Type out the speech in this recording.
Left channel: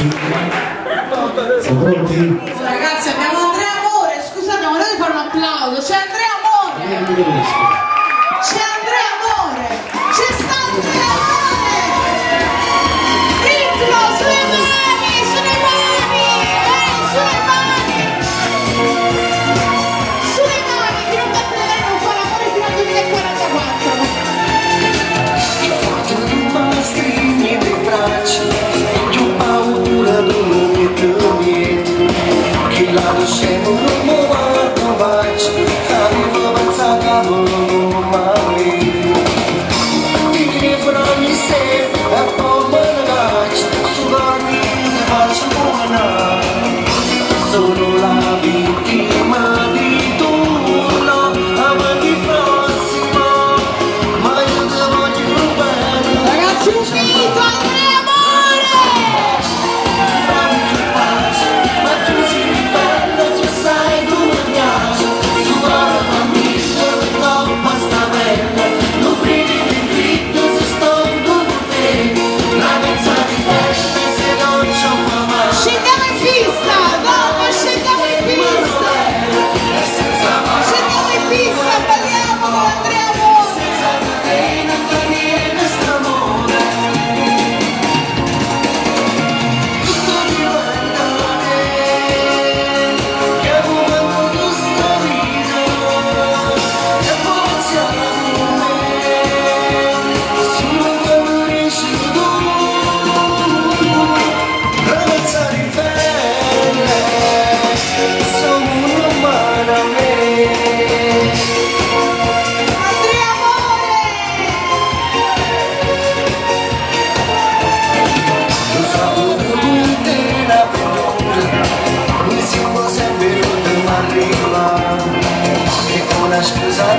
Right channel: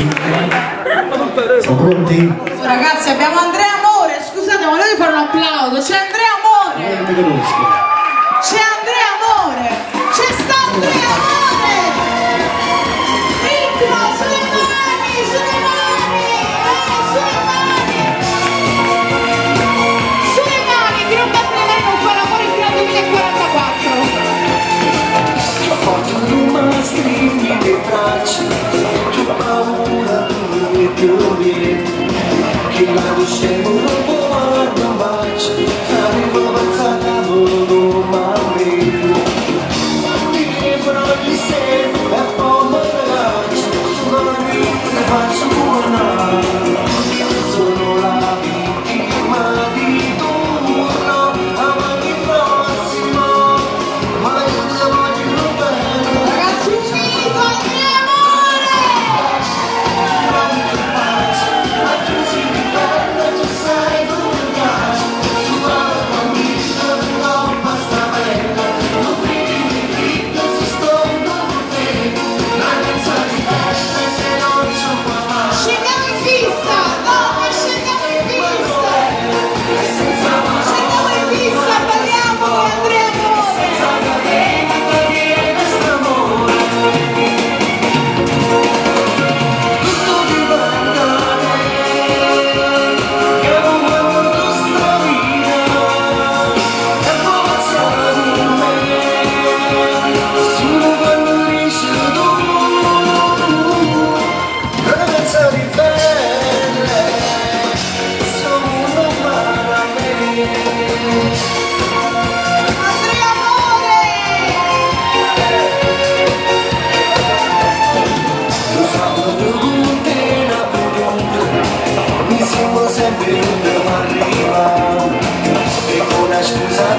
Sì. Siamo pronti? Oh, ragazzi, abbiamo Andrea Amore, scusate, ma volevo fare un applauso. C'è Andrea Amore! C'è Andrea Amore! C'è sta Andrea Amore! Ritmo, sulle mani, sulle mani! Sulle mani! Sulle mani, chi non batte le mani non fa l'amore fino al 2044! La fortuna non stringi le braccia e tu paura non mi trovi che la luce non guarda mai avevo pensato non mai mi fra ogni sera e come ragazzi su dormire faccio buona sono la vittima di tua amanti prossima ma io devo di più bene. Ragazzi, un finito Andrea Amore! Scendiamo in pista! No, scendiamo in pista! Scendiamo in pista, balliamo con Andrea Amore! Andrea Amore! Mi siamo sempre non arriva e con la scusa